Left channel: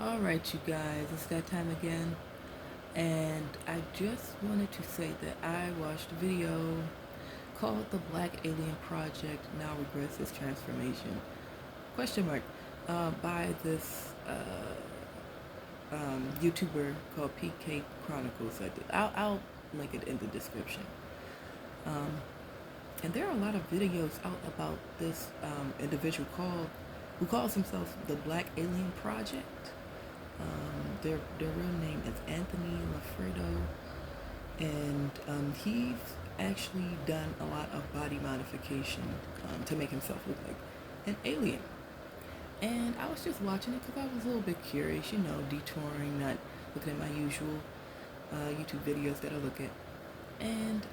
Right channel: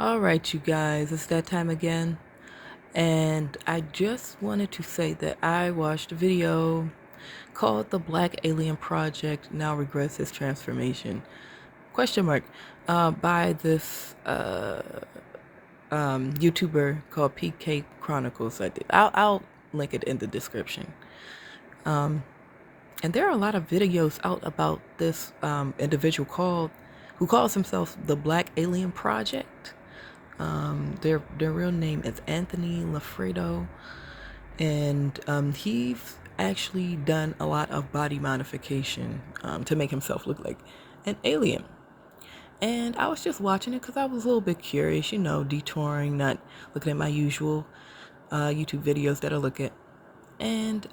All right, you guys, it's that time again. And I just wanted to say that I watched a video called The Black Alien Project Now Regrets His Transformation. Question mark. By this YouTuber called PK Chronicles. I'll link it in the description. And there are a lot of videos out about this individual who calls himself the Black Alien Project. Their real name is Anthony Lafredo, and he's actually done a lot of body modification to make himself look like an alien. And I was just watching it because I was a little bit curious, detouring, not looking at my usual YouTube videos that I look at. And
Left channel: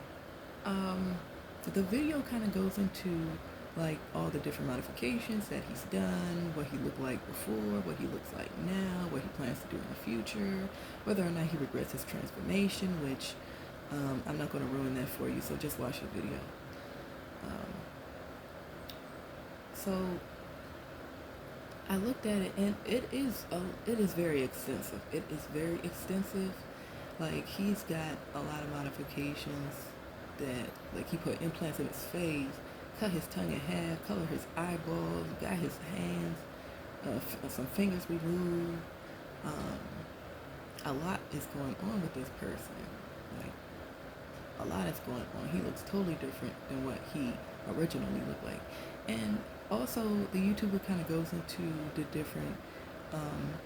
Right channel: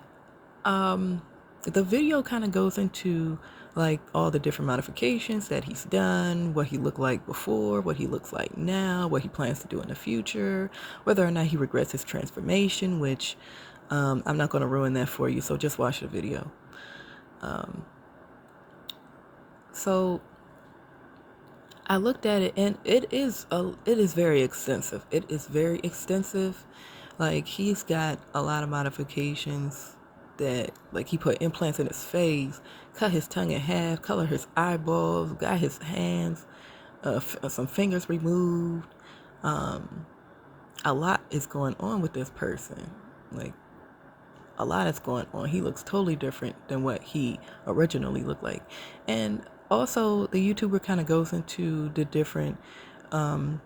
the video kind of goes into like all the different modifications that he's done, what he looked like before, what he looks like now, what he plans to do in the future, whether or not he regrets his transformation, which I'm not going to ruin that for you, so just watch the video. So I looked at it, and it is very extensive. It is very extensive. Like, he's got a lot of modifications that, like, he put implants in his face, cut his tongue in half, color his eyeballs, got his hands, some fingers removed. A lot is going on with this person. Like, a lot is going on. He looks totally different than what he originally looked like. And also, the YouTuber kind of goes into the different,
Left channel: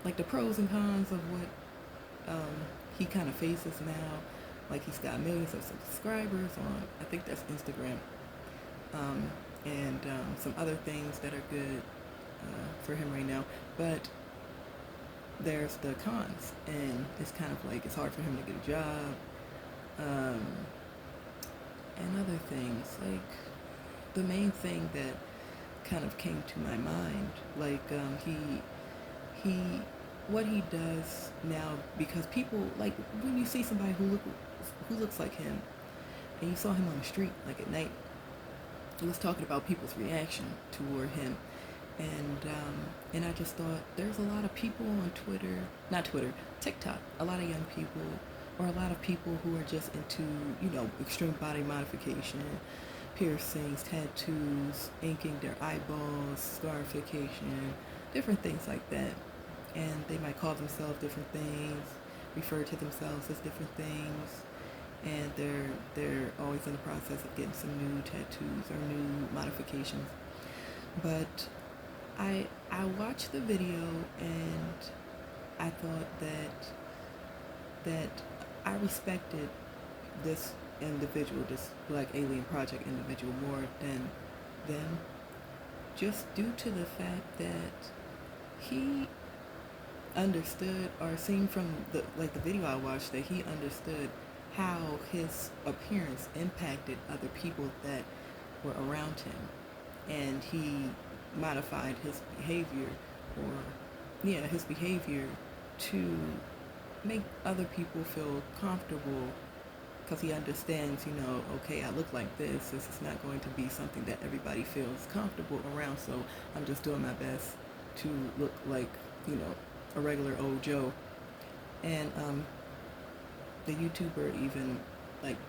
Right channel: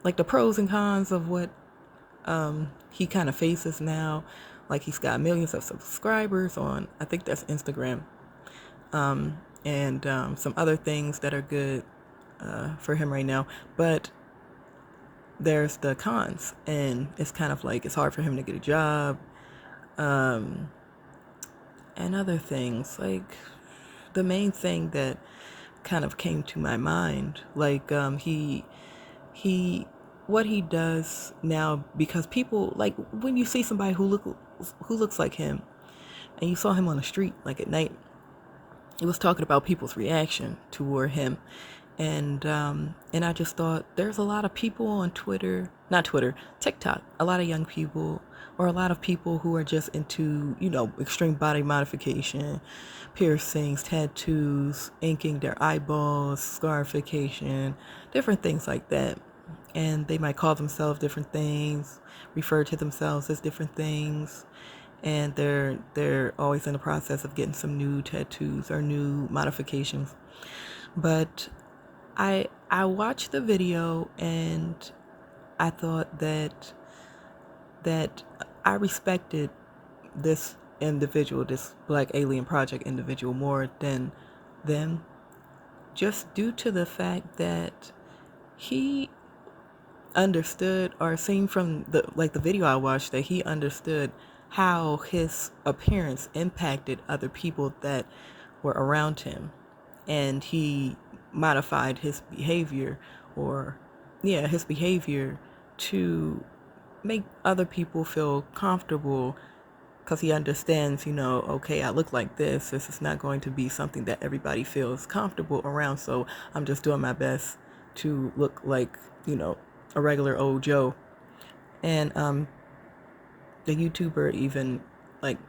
like the pros and cons of what he kind of faces now. Like, he's got millions of subscribers on, I think that's Instagram, and some other things that are good for him right now. But there's the cons, and it's kind of like it's hard for him to get a job, and other things. Like, the main thing that kind of came to my mind, like he what he does now, because people, like, when you see somebody who looks like him, and you saw him on the street like at night, it was talking about people's reaction toward him. And I just thought, there's a lot of people on not Twitter, TikTok, a lot of young people, or a lot of people who are just into, extreme body modification, piercings, tattoos, inking their eyeballs, scarification, different things like that. And they might call themselves different things, refer to themselves as different things, and they're always in the process of getting some new tattoos or new modifications. But I watched the video, and I thought that I respected this individual, this Black Alien Project individual, more than them, just due to the fact that he understood, or seen from the video I watched, that he understood how his appearance impacted other people that were around him, and he modified his behavior, or his behavior, to make other people feel comfortable, because he understands, okay, I look like this is not going to be something that everybody feels comfortable around, so I'm just doing my best to look like, a regular old Joe. And the YouTuber even, like,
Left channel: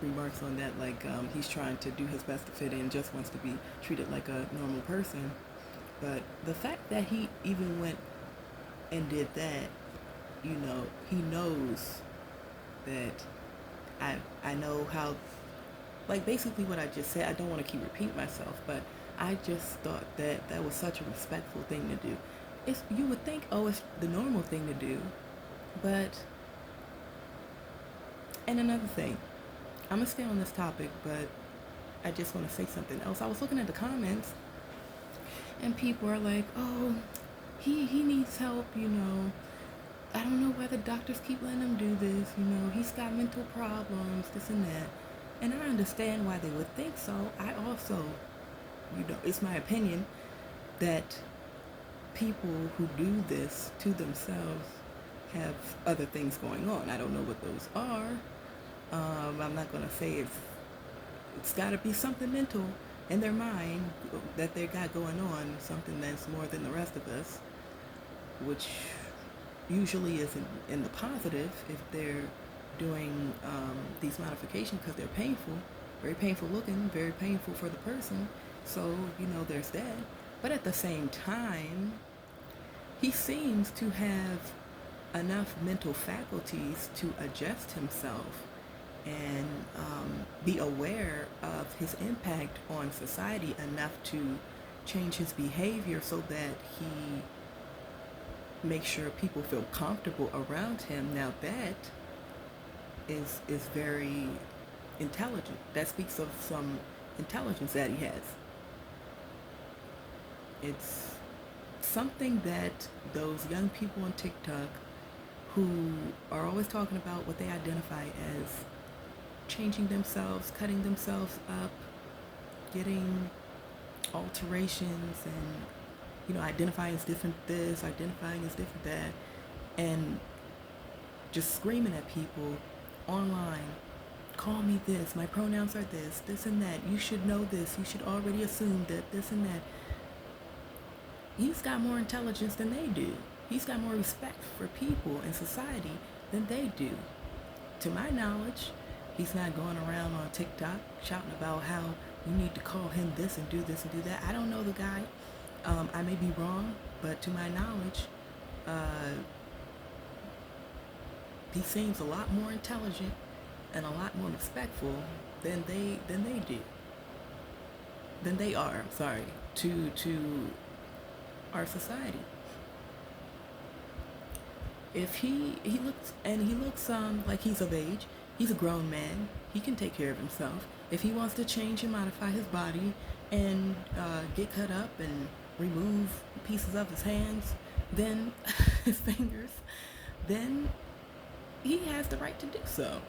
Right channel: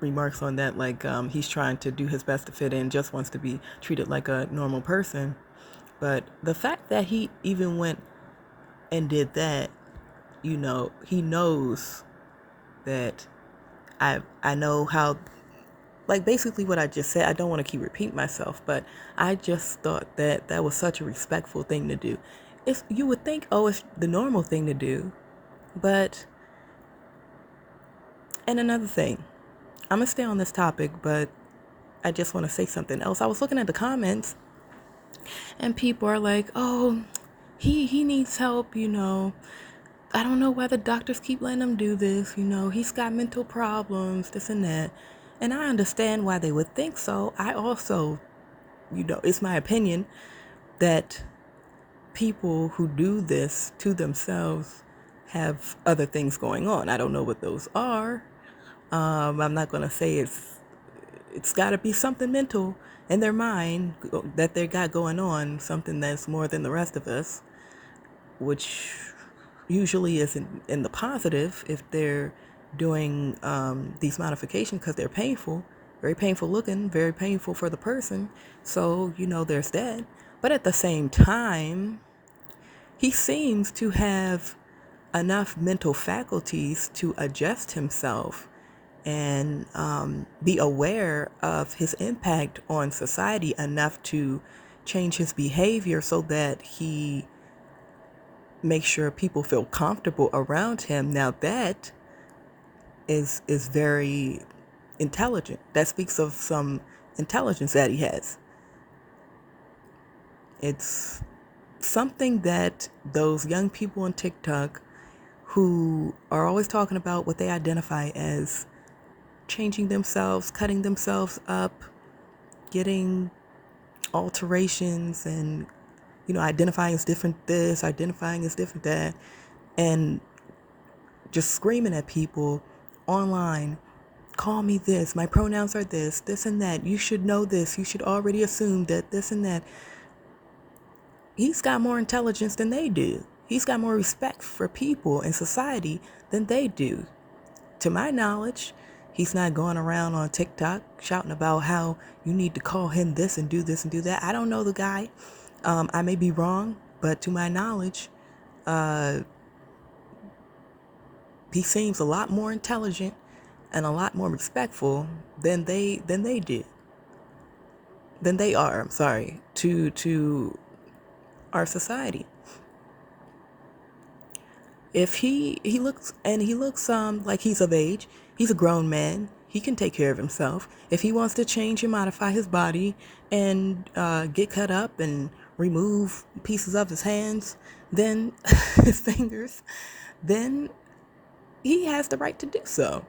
remarks on that, like, he's trying to do his best to fit in, just wants to be treated like a normal person. But the fact that he even went and did that, he knows that I know how, like, basically what I just said. I don't want to keep repeating myself, but I just thought that that was such a respectful thing to do. You would think, oh, it's the normal thing to do, but. And another thing, I'm gonna stay on this topic, but I just want to say something else. I was looking at the comments, and people are like, "Oh, he needs help, I don't know why the doctors keep letting him do this, he's got mental problems, this and that." And I understand why they would think so. I also, it's my opinion that people who do this to themselves have other things going on. I don't know what those are. I'm not going to say it's got to be something mental in their mind that they got going on, something that's more than the rest of us, which usually is in the positive if they're doing these modifications because they're painful, very painful looking, very painful for the person. So, there's that. But at the same time, he seems to have enough mental faculties to adjust himself and be aware of his impact on society enough to change his behavior so that he makes sure people feel comfortable around him. Now that is very intelligent. That speaks of some intelligence that he has. It's something that those young people on TikTok who are always talking about what they identify as changing themselves, cutting themselves up, getting alterations, and identifying as different this, identifying as different that, and just screaming at people online, call me this, my pronouns are this and that, you should know this, you should already assume that this and that. He's got more intelligence than they do. He's got more respect for people and society than they do. To my knowledge, he's not going around on TikTok shouting about how you need to call him this and do this and do that. I don't know the guy. I may be wrong, but to my knowledge, he seems a lot more intelligent and a lot more respectful than they do. Than they are, I'm sorry, to our society. If he looks like he's of age, he's a grown man, he can take care of himself. If he wants to change and modify his body and get cut up and remove pieces of his hands, then his fingers, then he has the right to do so.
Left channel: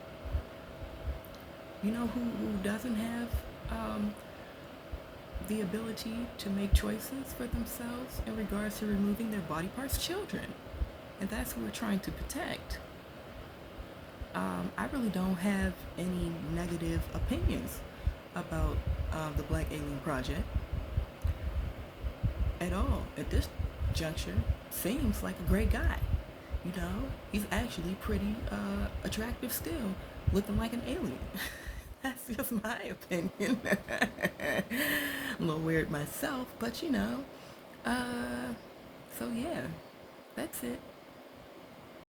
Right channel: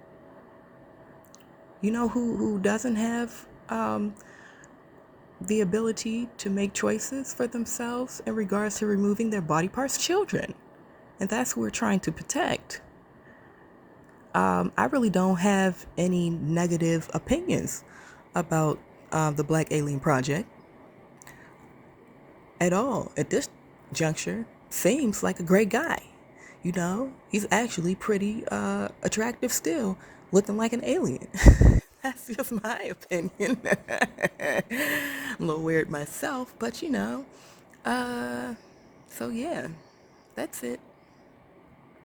You know who doesn't have the ability to make choices for themselves in regards to removing their body parts? Children. And that's who we're trying to protect. I really don't have any negative opinions about the Black Alien Project at all. At this juncture, seems like a great guy. He's actually pretty attractive still, looking like an alien. That's just my opinion. I'm a little weird myself, but so yeah, that's it.